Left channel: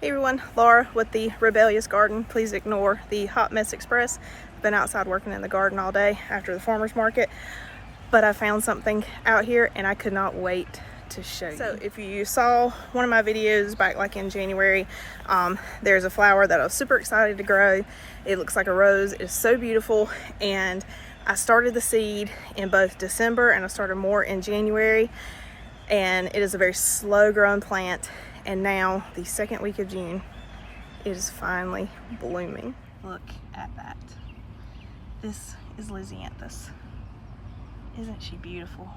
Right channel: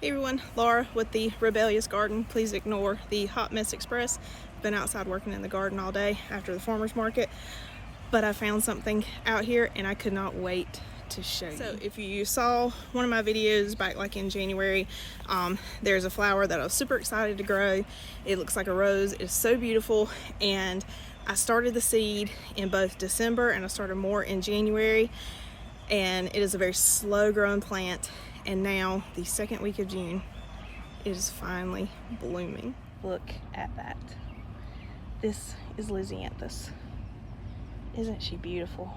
Hey everyone, Laura with the Rebellious Garden. Please ignore the hot mess express. I've been outside working in the garden all day after the farmer's market, but I found something out here and I could not wait to show you. So if you saw one of my videos back like in January, there's a flower that I was super excited to grow. It looks like a rose. It's so beautiful, and I started the seed in both December and I started more in January, and it is a very slow growing plant. And now the second week of June, it is finally blooming. Look at that. This is Lisianthus. Isn't she beautiful?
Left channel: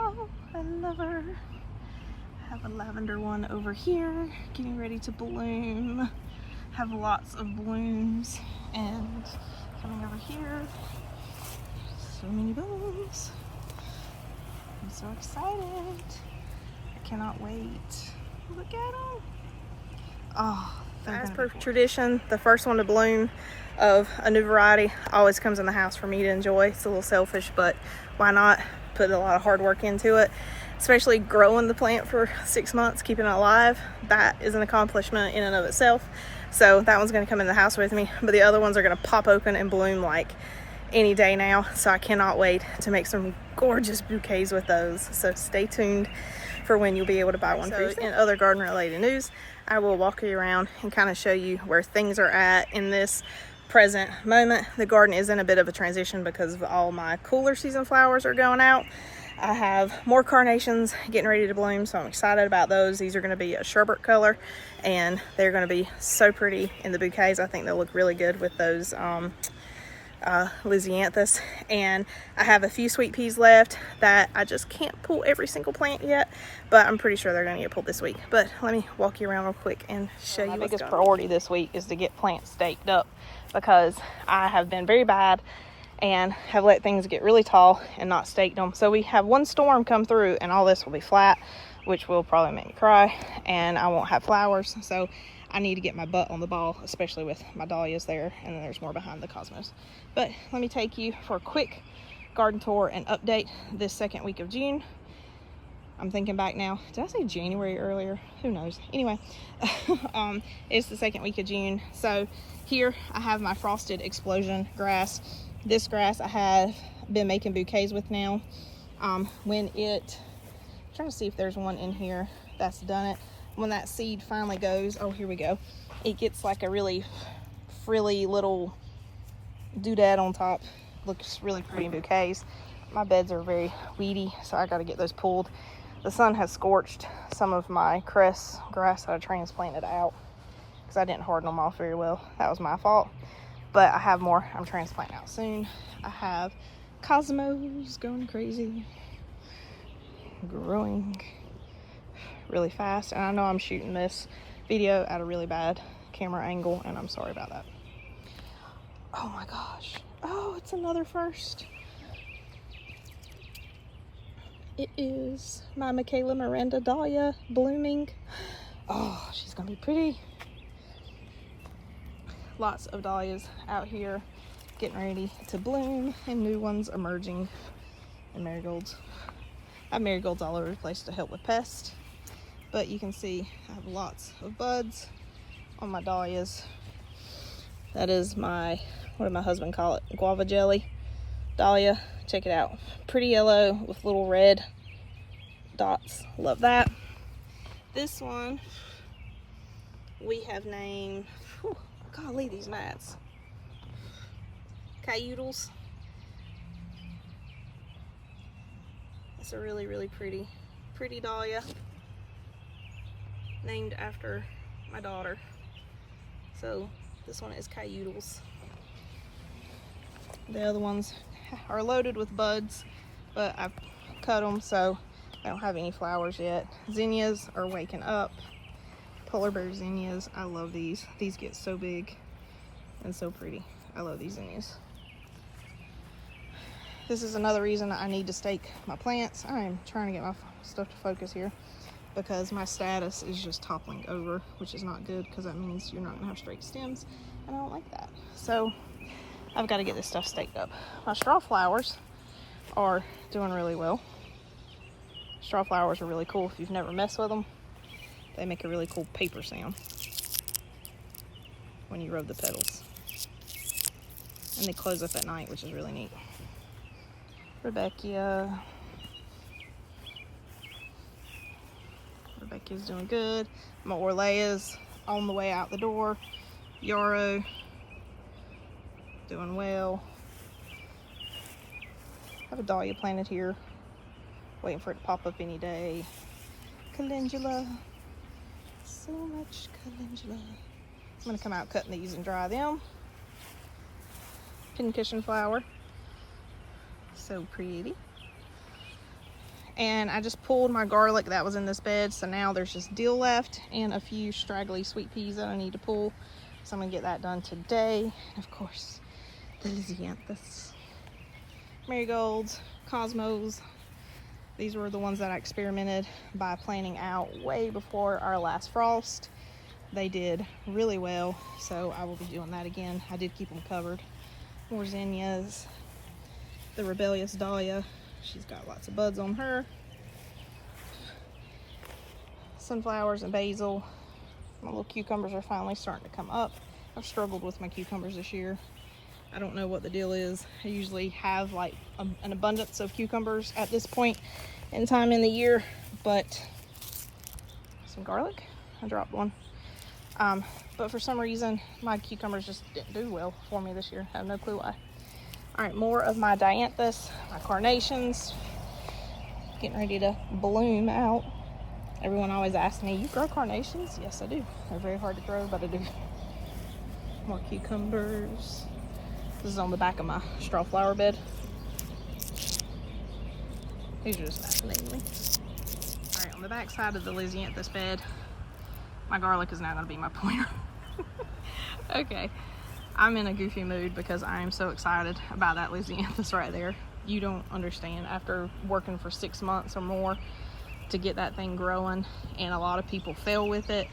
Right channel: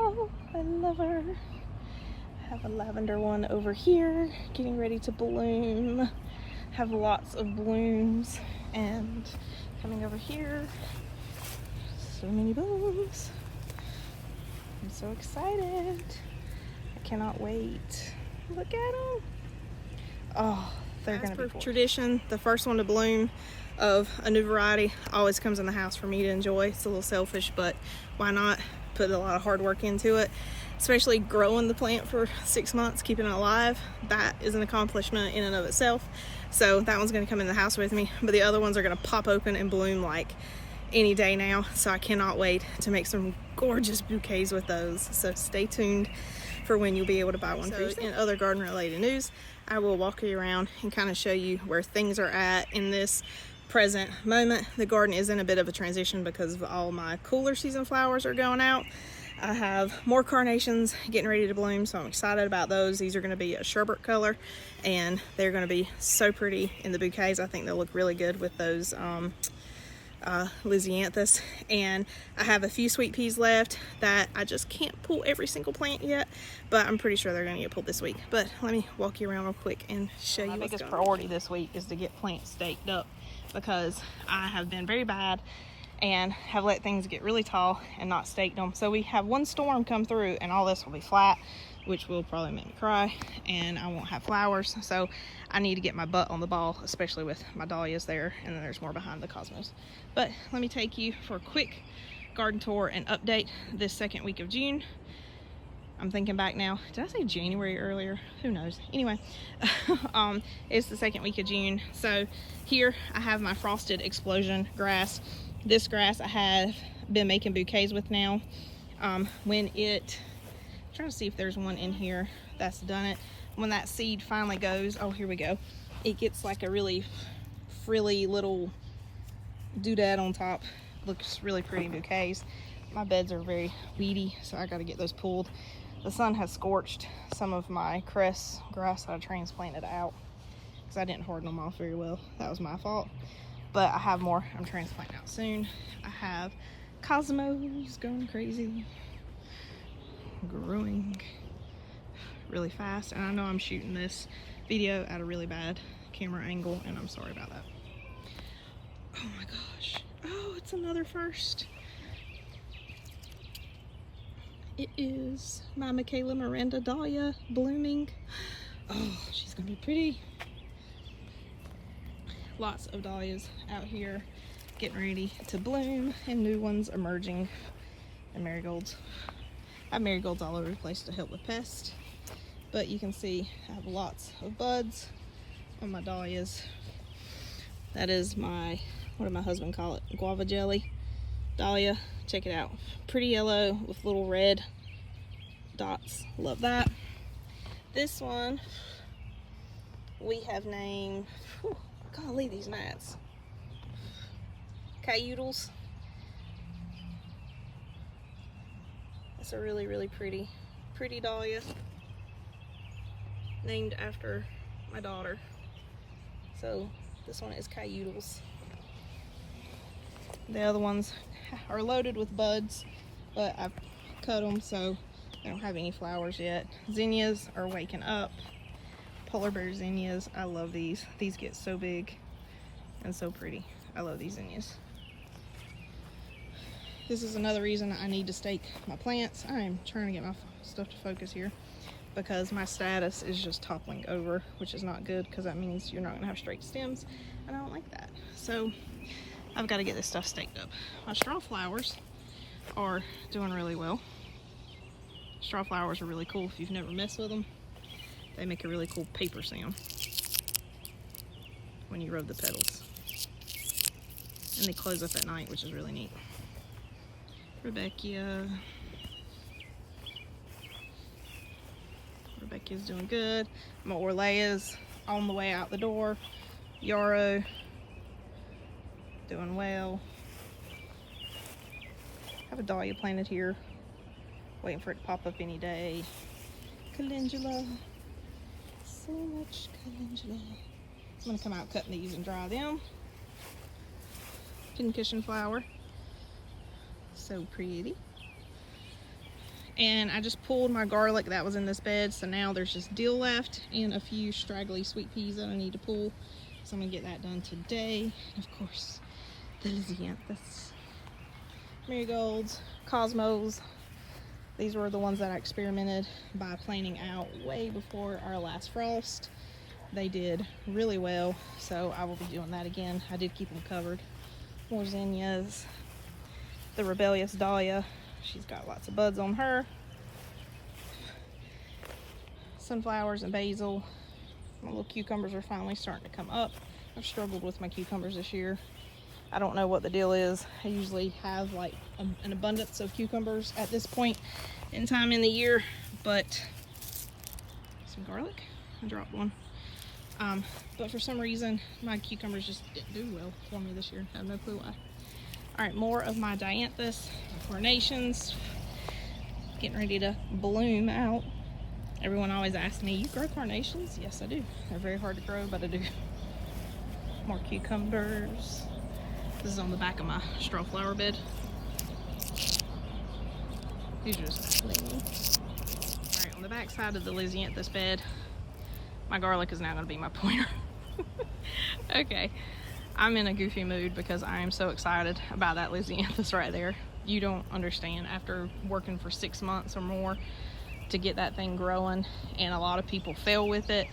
Oh, I love her. Have a lavender one over here, getting ready to bloom. Have lots of blooms. And coming over here, so many blooms. I'm so excited. Cannot wait. Look at them. Oh, as per tradition, the first one to bloom of a new variety always comes in the house for me to enjoy. It's a little selfish, but why not? Put a lot of hard work into it, especially growing the plant for 6 months, keeping it alive. That is an accomplishment in and of itself. So that one's going to come in the house with me, but the other ones are going to pop open and bloom like any day now. So I cannot wait to make some gorgeous bouquets with those. So stay tuned for when you'll be able to buy one. So in other garden related news, I will walk you around and kind of show you where things are at in this present moment. The garden is in a bit of a transition because of all my cooler season flowers are going out. I have more carnations getting ready to bloom, so I'm excited about those. These are going to be a sherbet color, and they're going to be so pretty in the bouquets. I think they'll look really good with those Lisianthus. And I have a few sweet peas left that I just can't pull every single plant yet, but I'm pretty sure they're going to get pulled this week. But let me walk you around real quick and show you what's going on. My biggest priority this week is to get plants staked up, because I have been very bad and have let things get really tall and not staked them. So we have one storm come through and all this will be flat, which will probably make me cry, and I won't have flowers. So I need to get my butt on the ball, especially with my dahlias there, and then there's more behind the cosmos. But let me take you for a quick garden tour and update this second week of June. I'm thinking back now, did I say January earlier? Who knows? Anyway, it's the second week of June. So here I have my frosted explosion grass. This grass I have been making bouquets with now. I'm trying to see if there's one in here that's done it. When that seed finally goes, oh, here we go. It gets like a really frilly little doodad on top. Looks really pretty in bouquets. My beds are very weedy, so I gotta get those pulled. The sun has scorched some of my cress grass that I transplanted out because I didn't harden them off very well. That was my fault. But I have more I'm transplanting out soon. I have cosmos going crazy, growing really fast. And I know I'm shooting this video at a really bad camera angle, and I'm sorry about that. Oh my gosh. Oh, it's another first. It is my Michaela Miranda Dahlia blooming. Oh, she's gonna be pretty. Lots of dahlias out here getting ready to bloom, and new ones emerging, and marigolds. I have marigolds all over the place to help with pests, but you can see I have lots of buds on my dahlias. That is my, what did my husband call it? Guava jelly dahlia. Check it out. Pretty yellow with little red dots. Love that. This one we have named, whew, golly, these mats. Cayudals. It's a really, really pretty dahlia, named after my daughter. So this one is Cayudals. The other ones are loaded with buds, but I've cut them so I don't have any flowers yet. Zinnias are waking up. Polar bear zinnias, I love these. These get so big and so pretty. I love these zinnias. This is another reason I need to stake my plants. I am trying to get my stuff to focus here because my status is just toppling over, which is not good because that means you're not gonna have straight stems, and I don't like that. So I've got to get this stuff staked up. My straw flowers are doing really well. Straw flowers are really cool if you've never messed with them. They make a really cool paper sound when you rub the petals. And they close up at night, which is really neat. Rebecca's doing good. My Orlea's on the way out the door. Yarrow doing well. I have a Dahlia planted here, waiting for it to pop up any day. Calendula, so much calendula. I'm gonna come out cutting these and dry them. Pincushion flower, so pretty. And I just pulled my garlic that was in this bed, so now there's just dill left and a few straggly sweet peas that I need to pull. So I'm gonna get that done today. And of course, the Lisianthus, marigolds, cosmos. These were the ones that I experimented by planting out way before our last frost. They did really well, so I will be doing that again. I did keep them covered. More zinnias. The rebellious Dahlia, she's got lots of buds on her. Sunflowers and basil. My little cucumbers are finally starting to come up. I've struggled with my cucumbers this year. I don't know what the deal is. I usually have like an abundance of cucumbers at this point in time in the year, but some garlic, I dropped one. But for some reason, my cucumbers just didn't do well for me this year. I have no clue why. All right, more of my Dianthus, my carnations, getting ready to bloom out. Everyone always asks me, you grow carnations? Yes, I do. They're very hard to grow, but I do. More cucumbers. This is on the back of my straw flower bed. These are just fascinating. All right, on the back side of the Lisianthus bed, my garlic is now gonna be my pointer. Okay, I'm in a goofy mood because I am so excited about that Lisianthus right there. You don't understand. After working for 6 months or more to get that thing growing, and a lot of people fail with it,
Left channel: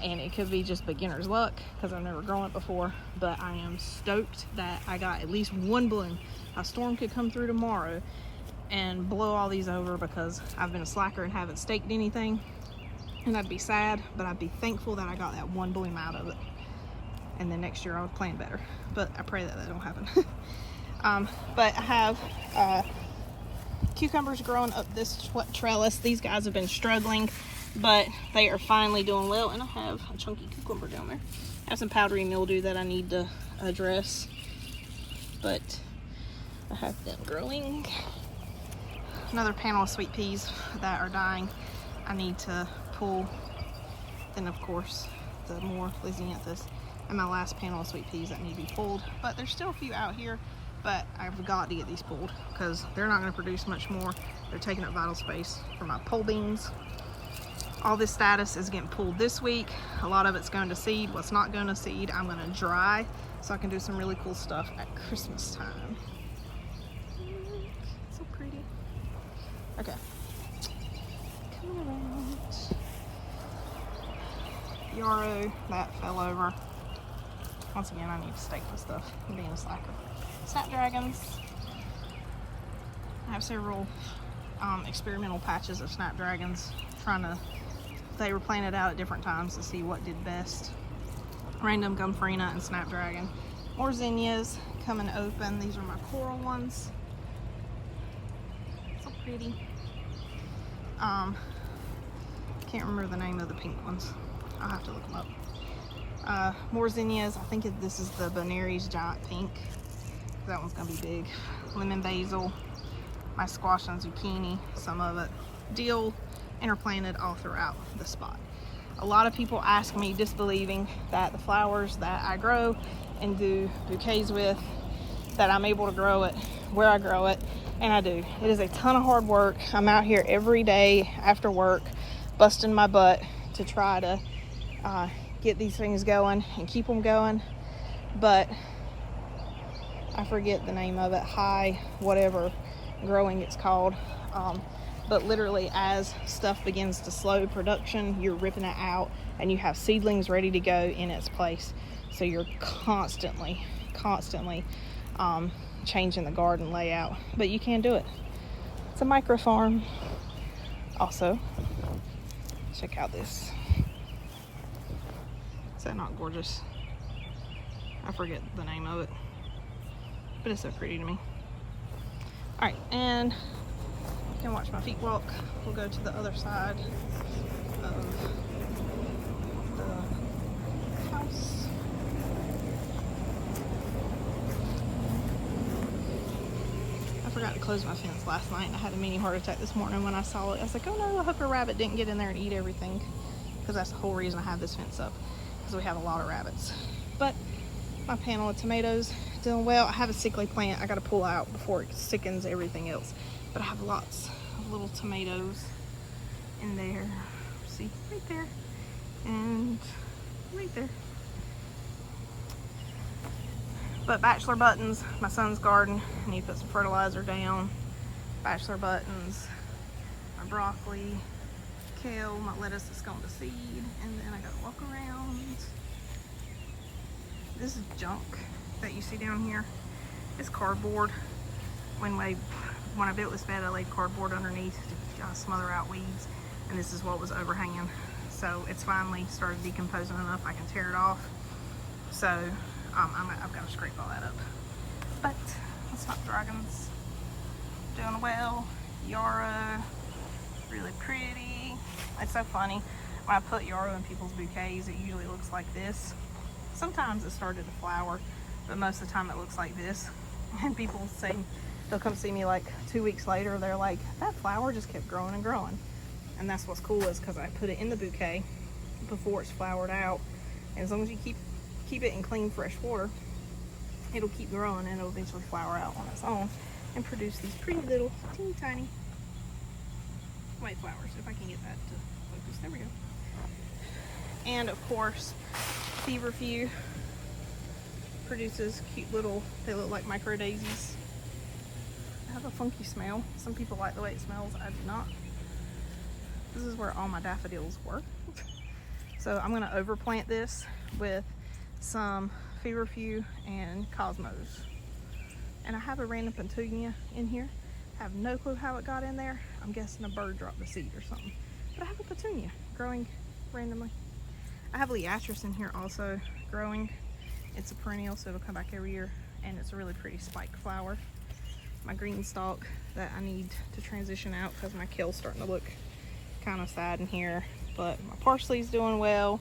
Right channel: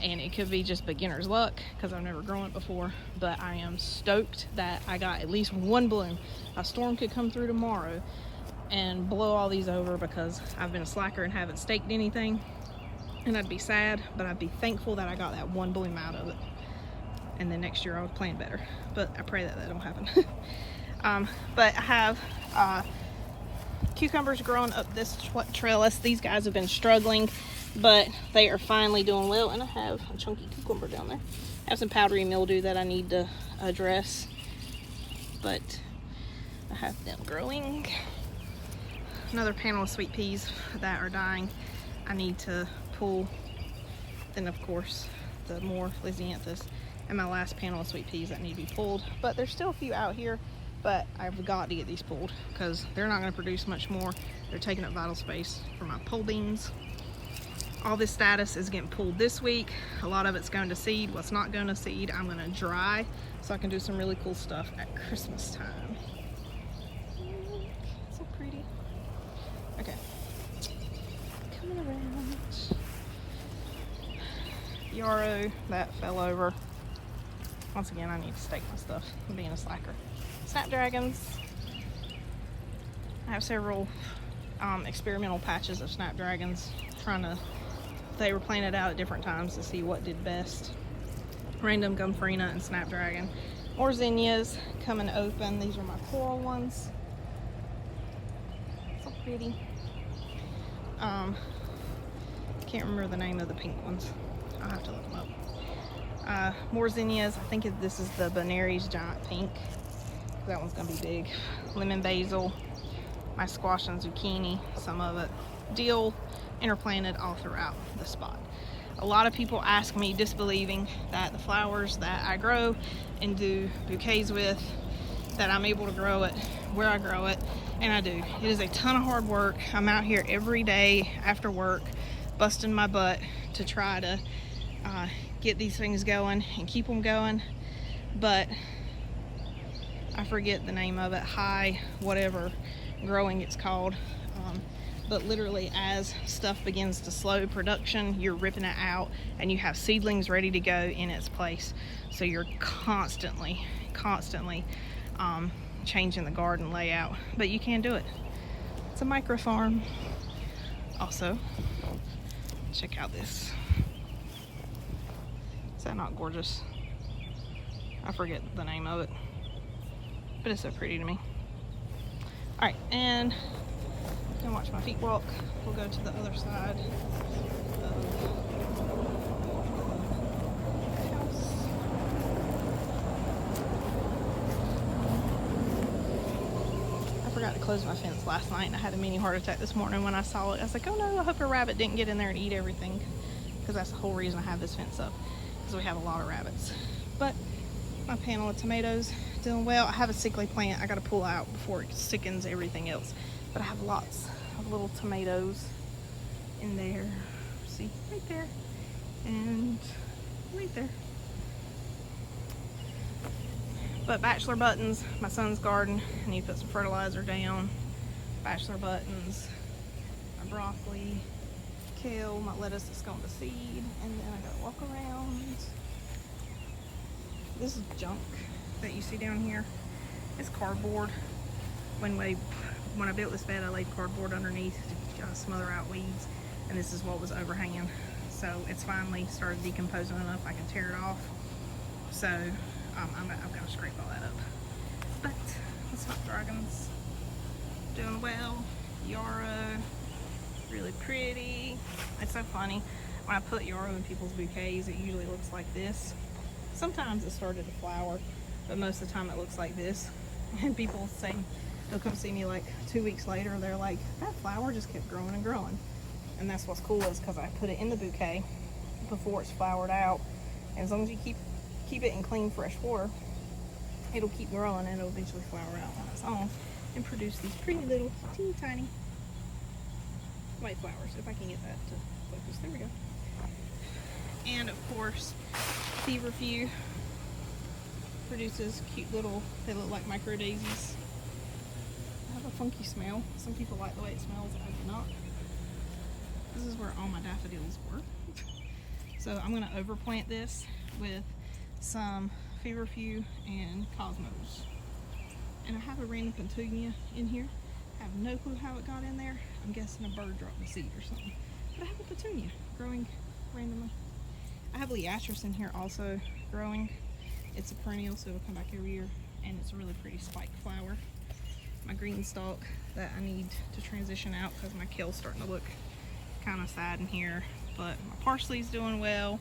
and it could be just beginner's luck because I've never grown it before, but I am stoked that I got at least one bloom. A storm could come through tomorrow and blow all these over because I've been a slacker and haven't staked anything, and I'd be sad, but I'd be thankful that I got that one bloom out of it. And then next year I'll plan better, but I pray that that'll happen. But I have cucumbers growing up this trellis. These guys have been struggling, but they are finally doing well. And I have a chunky cucumber down there. I have some powdery mildew that I need to address, but I have them growing. Another panel of sweet peas that are dying I need to pull. Then of course the more Lisianthus and my last panel of sweet peas that need to be pulled. But there's still a few out here, but I've got to get these pulled because they're not going to produce much more. They're taking up vital space for my pole beans. All this status is getting pulled this week. A lot of it's going to seed. What's not going to seed, I'm going to dry so I can do some really cool stuff at Christmas time. So pretty. Okay. Coming around. Yarrow, that fell over. Once again, I need to stake my stuff. I'm being a slacker. Snapdragons. I have several experimental patches of Snapdragons. They were planted out at different times to see what did best. Random Gumfarina and Snapdragon. More zinnias coming open. These are my coral ones. So pretty. Can't remember the name of the pink ones. I'll have to look them up. More zinnias. I think this is the Benary's Giant Pink. That one's gonna be big. Lemon basil, my squash and zucchini, some of it. Dill interplanted all throughout the spot. A lot of people ask me, disbelieving that the flowers that I grow and do bouquets with, that I'm able to grow it where I grow it, and I do. It is a ton of hard work. I'm out here every day after work, busting my butt to try to get these things going and keep them going, but I forget the name of it, high whatever growing it's called, but literally as stuff begins to slow production, you're ripping it out and you have seedlings ready to go in its place. So you're constantly changing the garden layout, but you can do it. It's a micro farm. Also, check out this Is that not gorgeous? I forget the name of it, but it's so pretty to me. All right, and you can watch my feet walk. We'll go to the other side of the house. I forgot to close my fence last night, and I had a mini heart attack this morning when I saw it. I was like, oh no, a hooker rabbit didn't get in there and eat everything, because that's the whole reason I have this fence up, because we have a lot of rabbits. But my panel of tomatoes doing well. I have a sickly plant I got to pull out before it sickens everything else, but I have lots of little tomatoes in there. See, right there and right there. But bachelor buttons, my son's garden, I need to put some fertilizer down. Bachelor buttons, my broccoli, kale, my lettuce that's going to seed, and then I gotta walk around. This is junk that you see down here. It's cardboard. When I built this bed, I laid cardboard underneath to kind of smother out weeds, and this is what was overhanging. So it's finally started decomposing enough I can tear it off. So I've got to scrape all that up. But the Snapdragons doing well. Yarrow, really pretty. It's so funny. When I put yarrow in people's bouquets, it usually looks like this. Sometimes it started to flower, but most of the time it looks like this. And people say, they'll come see me like 2 weeks later, they're like, that flower just kept growing and growing. And that's what's cool, is because I put it in the bouquet before it's flowered out. And as long as you keep it in clean, fresh water, it'll keep growing and it'll eventually flower out on its own and produce these pretty little teeny tiny white flowers. If I can get that to focus, there we go. And of course, feverfew produces cute little, they look like micro daisies. They have a funky smell. Some people like the way it smells, I do not. This is where all my daffodils were. So I'm gonna overplant this with some feverfew and cosmos. And I have a random petunia in here. I have no clue how it got in there. I'm guessing a bird dropped the seed or something. But I have a petunia growing randomly. I have Lisianthus in here also growing. It's a perennial, so it'll come back every year, and it's a really pretty spike flower. My green stalk that I need to transition out because my kale's starting to look kind of sad in here. But my parsley's doing well.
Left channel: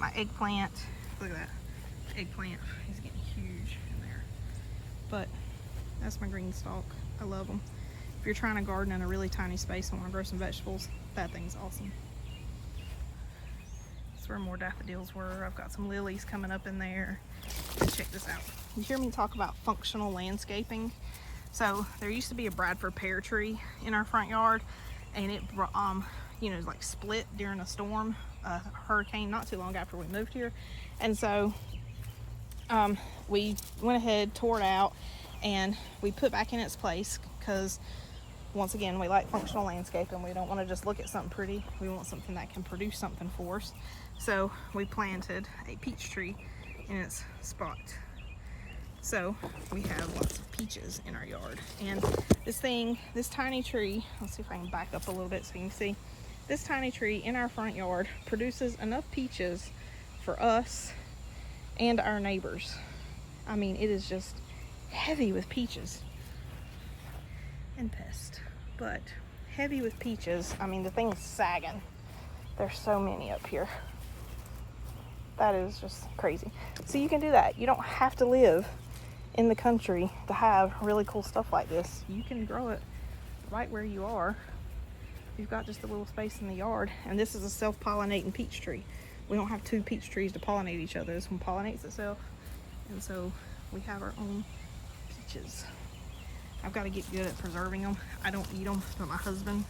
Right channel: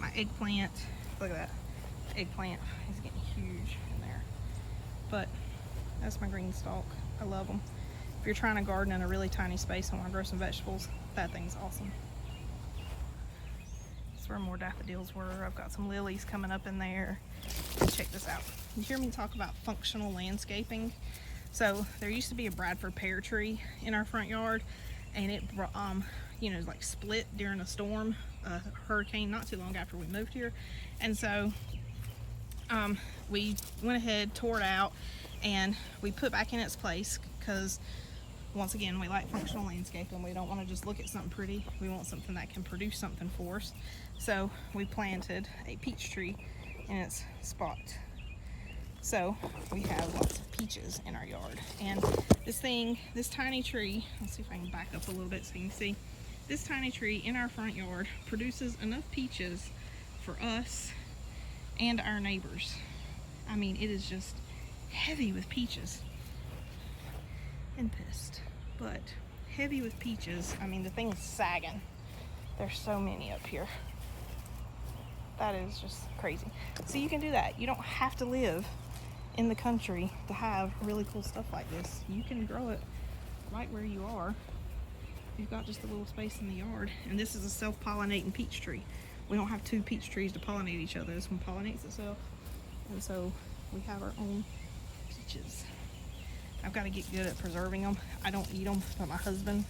My eggplant, look at that. The eggplant is getting huge in there. But that's my green stalk. I love them. If you're trying to garden in a really tiny space and want to grow some vegetables, that thing's awesome. That's where more daffodils were. I've got some lilies coming up in there. Check this out. You hear me talk about functional landscaping? So there used to be a Bradford pear tree in our front yard, and it you know, like split during a storm, a hurricane not too long after we moved here. And so we went ahead, tore it out, and we put back in its place, because once again, we like functional landscaping. We don't want to just look at something pretty. We want something that can produce something for us. So we planted a peach tree in its spot. So we have lots of peaches in our yard. And this tiny tree, let's see if I can back up a little bit so you can see. This tiny tree in our front yard produces enough peaches for us and our neighbors. I mean, it is just heavy with peaches and pest, but heavy with peaches. I mean, the thing's sagging. There's so many up here. That is just crazy. So you can do that. You don't have to live in the country to have really cool stuff like this. You can grow it right where you are. You've got just a little space in the yard. And this is a self-pollinating peach tree. We don't have two peach trees to pollinate each other. This one pollinates itself. And so we have our own peaches. I've got to get good at preserving them. I don't eat them, but my husband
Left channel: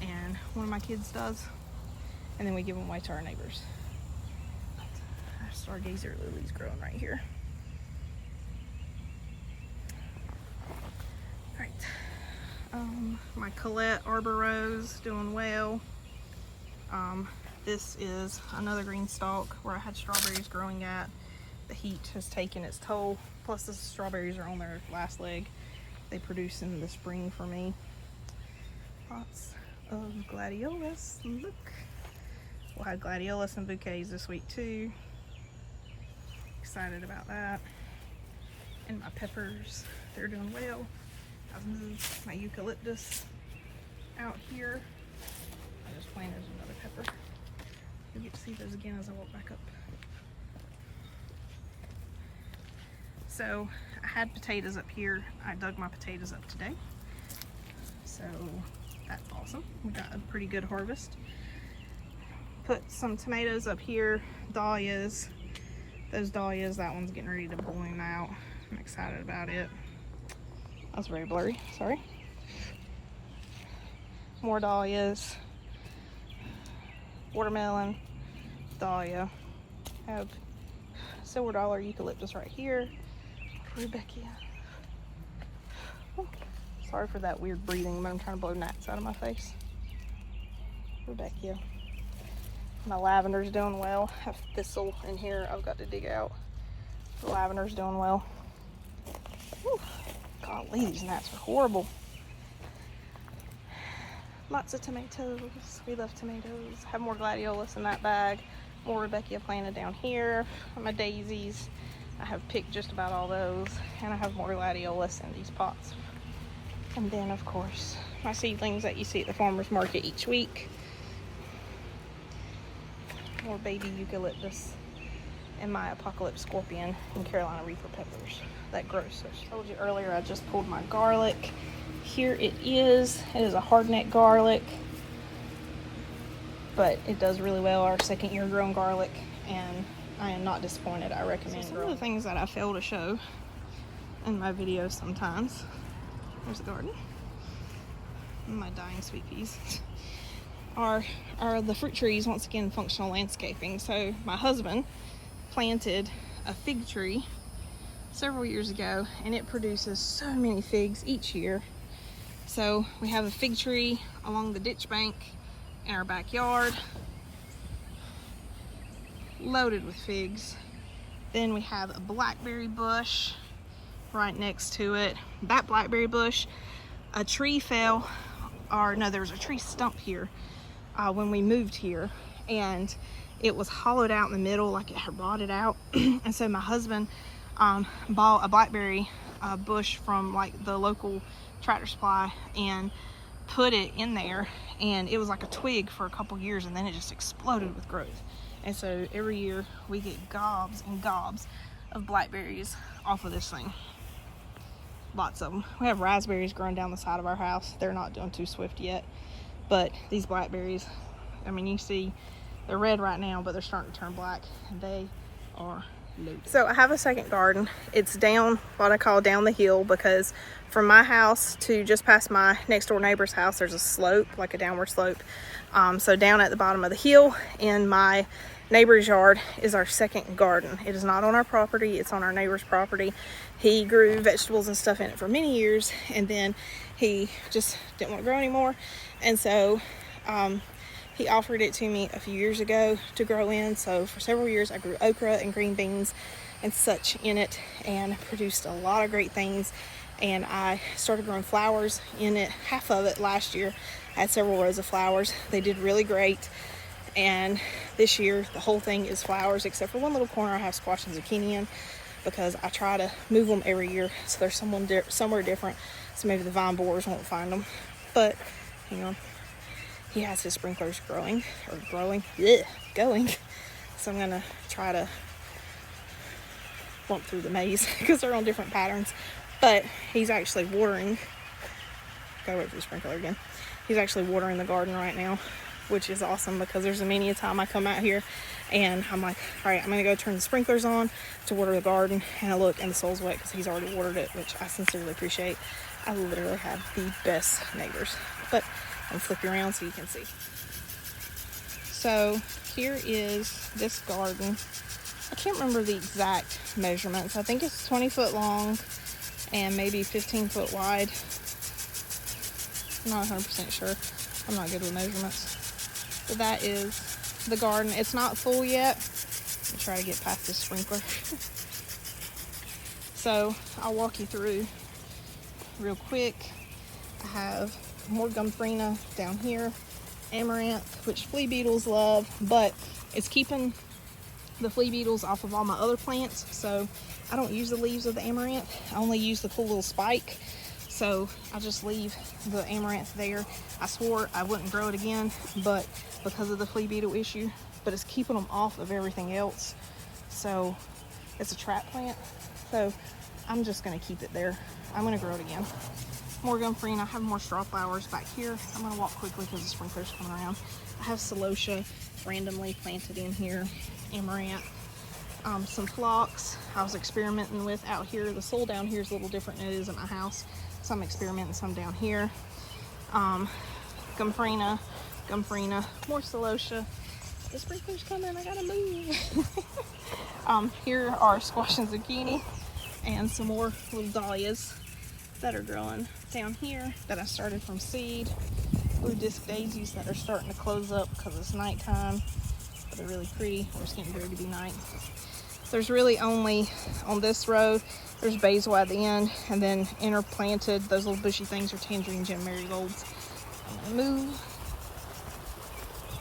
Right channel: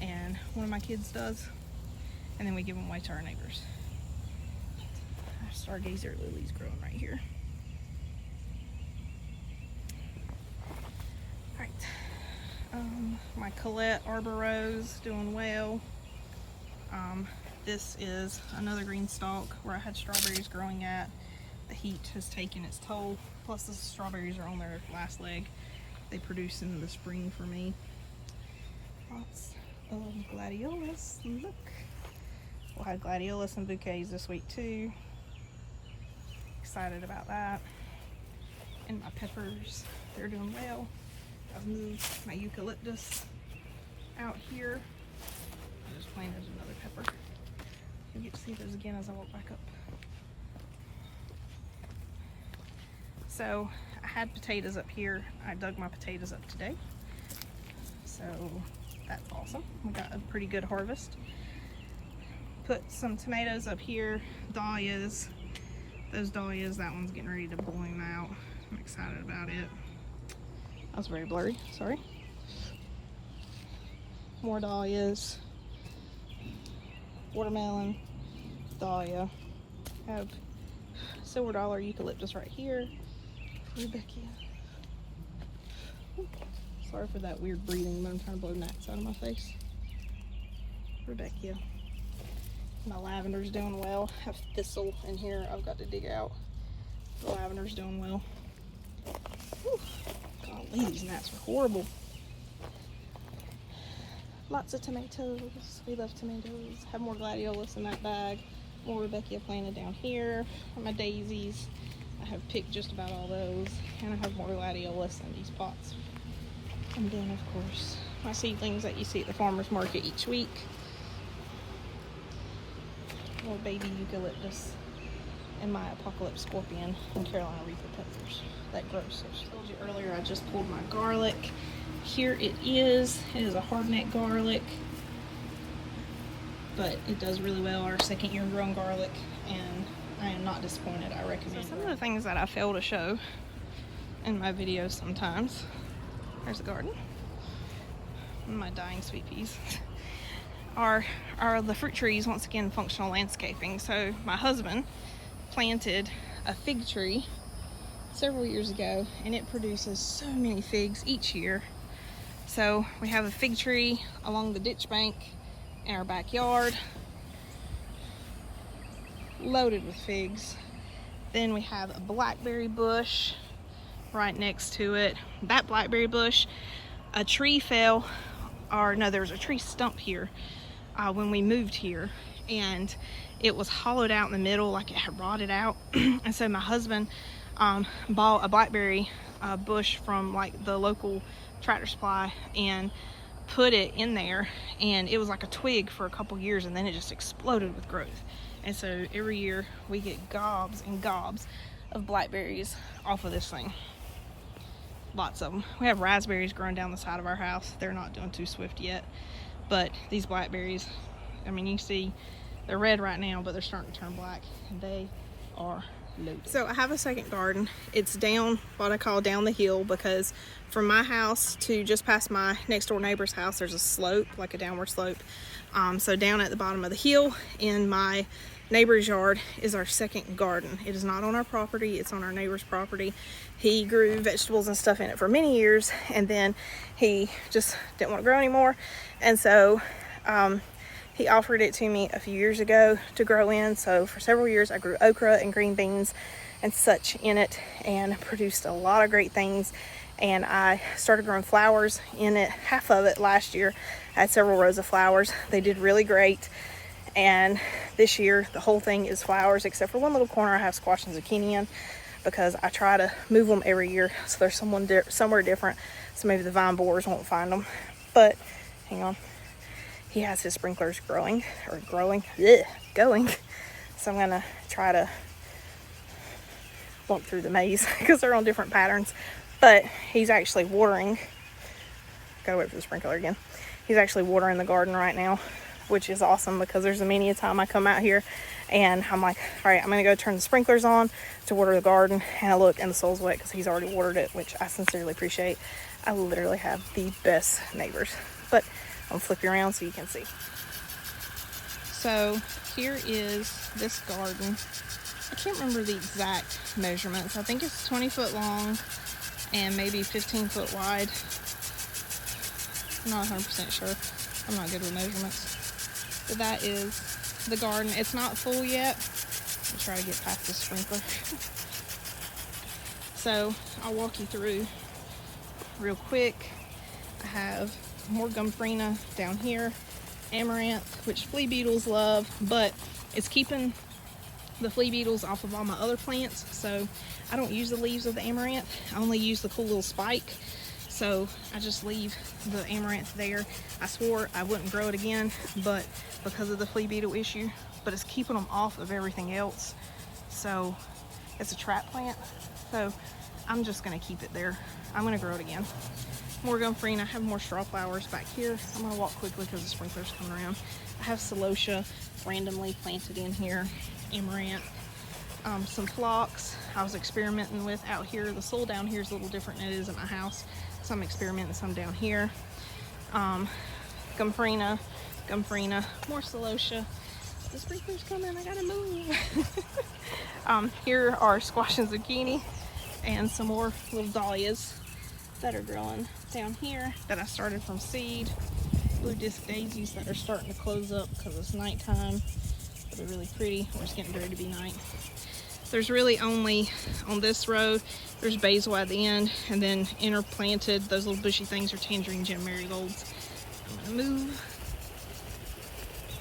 and one of my kids does. And then we give them away to our neighbors. Our stargazer lily's growing right here. Alright. My Colette Arbor Rose doing well. This is another green stalk where I had strawberries growing at. The heat has taken its toll. Plus the strawberries are on their last leg. They produce in the spring for me. Lots of gladiolus. Look. We'll have gladiolus and bouquets this week too. excited about that. And my peppers, they're doing well. I've moved my eucalyptus out here. I just planted another pepper. You'll get to see those again as I walk back up. So I had potatoes up here. I dug my potatoes up today. So that's awesome. We got a pretty good harvest. Put some tomatoes up here, dahlias. Those dahlias, that one's getting ready to bloom out. I'm excited about it. That was very blurry, sorry. More dahlias. Watermelon, dahlia. Have silver dollar eucalyptus right here. Rebecca. Oh, sorry for that weird breathing, but I'm trying to blow gnats out of my face. Rebecca. My lavender's doing well. I have thistle in here I've got to dig out. The lavender's doing well. Whew. God, these gnats are horrible. Lots of tomatoes. We love tomatoes. Have more gladiolus in that bag. More Rebecca planted down here. My daisies. I have picked just about all those. And I have more gladiolus in these pots. And then, of course, my seedlings that you see at the farmer's market each week. More baby eucalyptus. And my apocalypse scorpion and Carolina reaper peppers that grow. So I told you earlier I just pulled my garlic. Here it is. It is a hardneck garlic, but it does really well. Our second year grown garlic, and I am not disappointed. I recommend it. Some of the things that I fail to show in my videos sometimes. There's the garden. And my dying sweet peas. Are the fruit trees, once again, functional landscaping. So my husband planted a fig tree several years ago, and it produces so many figs each year. So we have a fig tree along the ditch bank in our backyard, loaded with figs. Then we have a blackberry bush right next to it. That blackberry bush, a tree fell, or no, there was a tree stump here when we moved here, and it was hollowed out in the middle, like it had rotted out. And so my husband bought a blackberry bush from like the local Tractor Supply and put it in there, and it was like a twig for a couple years, and then it just exploded with growth. And so every year we get gobs and gobs of blackberries off of this thing. Lots of them. We have raspberries growing down the side of our house. They're not doing too swift yet, but these blackberries, I mean, you see they're red right now, but they're starting to turn black, and they are loaded. So I have a second garden. It's down what I call down the hill, because from my house to just past my next door neighbor's house, there's a slope, like a downward slope. So down at the bottom of the hill in my neighbor's yard is our second garden. It is not on our property, it's on our neighbor's property. He grew vegetables and stuff in it for many years, and then he just didn't want to grow anymore. And so he offered it to me a few years ago to grow in. So for several years I grew okra and green beans and such in it, and produced a lot of great things. And I started growing flowers in it, half of it last year. I had several rows of flowers. They did really great. And this year the whole thing is flowers, except for one little corner I have squash and zucchini in, because I try to move them every year so there's somewhere different, so maybe the vine borers won't find them. But hang on, he has his sprinklers going. So I'm gonna try to bump through the maze because they're on different patterns. But he's actually watering. Gotta wait for the sprinkler again. He's actually watering the garden right now, which is awesome, because there's many a time I come out here and I'm like, all right, I'm gonna go turn the sprinklers on to water the garden, and I look and the soil's wet because he's already watered it, which I sincerely appreciate. I literally have the best neighbors. But I'll flip you around so you can see. So here is this garden. I can't remember the exact measurements. I think it's 20 foot long and maybe 15 foot wide. I'm not 100% sure. I'm not good with measurements. But that is the garden. It's not full yet. I'll try to get past this sprinkler. So I'll walk you through real quick. I have more gumfrina down here, amaranth, which flea beetles love, but it's keeping the flea beetles off of all my other plants. So I don't use the leaves of the amaranth. I only use the cool little spike. So I just leave the amaranth there. I swore I wouldn't grow it again, but because of the flea beetle issue, but it's keeping them off of everything else. So it's a trap plant. So I'm just gonna keep it there. I'm gonna grow it again. More Gumfrine. I have more straw flowers back here. I'm gonna walk quickly because the sprinklers come around. I have Celosia randomly planted in here. Amaranth. Some phlox I was experimenting with out here. The soil down here is a little different than it is at my house, so I'm experimenting some down here. Gumfrine, more Celosia. The sprinklers coming, I gotta move. Here are squash and zucchini and some more little dahlias that are growing down here that I started from seed. Blue disc daisies that are starting to close up because it's nighttime, but they're really pretty. They're just getting ready to be night. There's really only, on this row, there's basil at the end, and then interplanted, those little bushy things are Tangerine Gem Marigolds. I'm gonna move.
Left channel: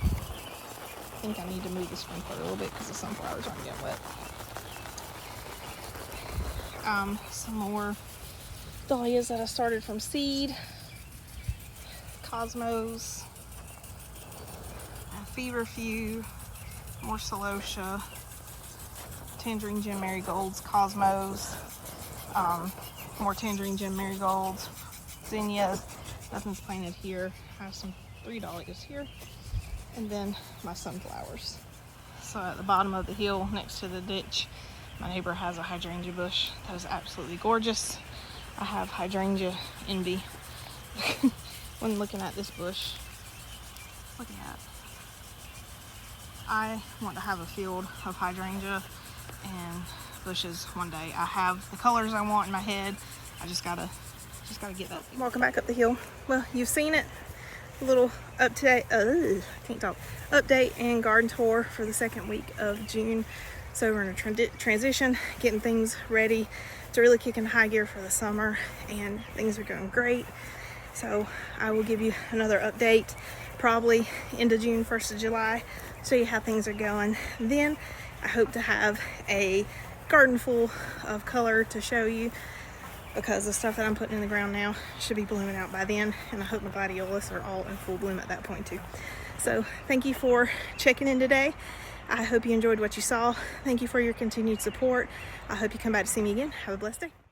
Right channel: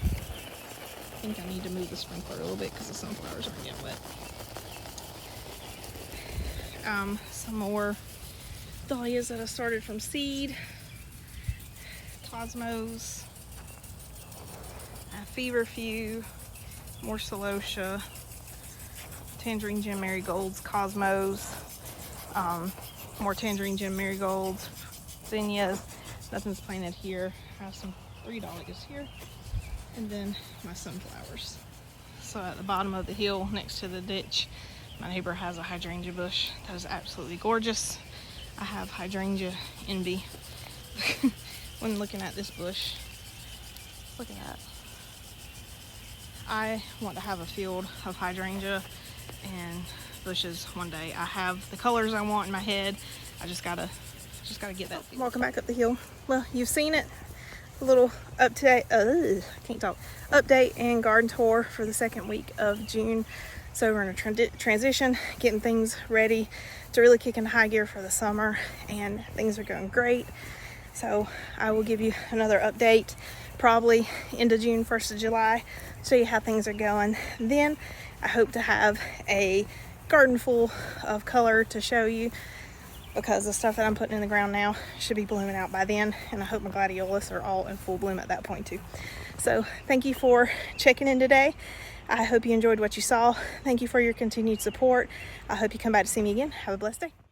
I think I need to move the sprinkler a little bit because the sunflowers aren't getting wet. Some more dahlias that I started from seed. Cosmos. Feverfew. More Celosia. Tangerine Gem Marigolds. Cosmos. More Tangerine Gem Marigolds. Zinnias. Nothing's planted here. I have some 3 dahlias here. And then my sunflowers. So at the bottom of the hill next to the ditch, my neighbor has a hydrangea bush that is absolutely gorgeous. I have hydrangea envy when looking at this bush. Look at that. I want to have a field of hydrangea and bushes one day. I have the colors I want in my head. I just gotta get that. Walking back up the hill. Well, you've seen it. A little update and garden tour for the second week of June. So we're in a transition, getting things ready to really kick into high gear for the summer, and things are going great. So I will give you another update probably into June, 1st of July, show you how things are going. Then I hope to have a garden full of color to show you, because the stuff that I'm putting in the ground now should be blooming out by then, and I hope my gladiolus are all in full bloom at that point too. So thank you for checking in today. I hope you enjoyed what you saw. Thank you for your continued support. I hope you come back to see me again. Have a blessed day.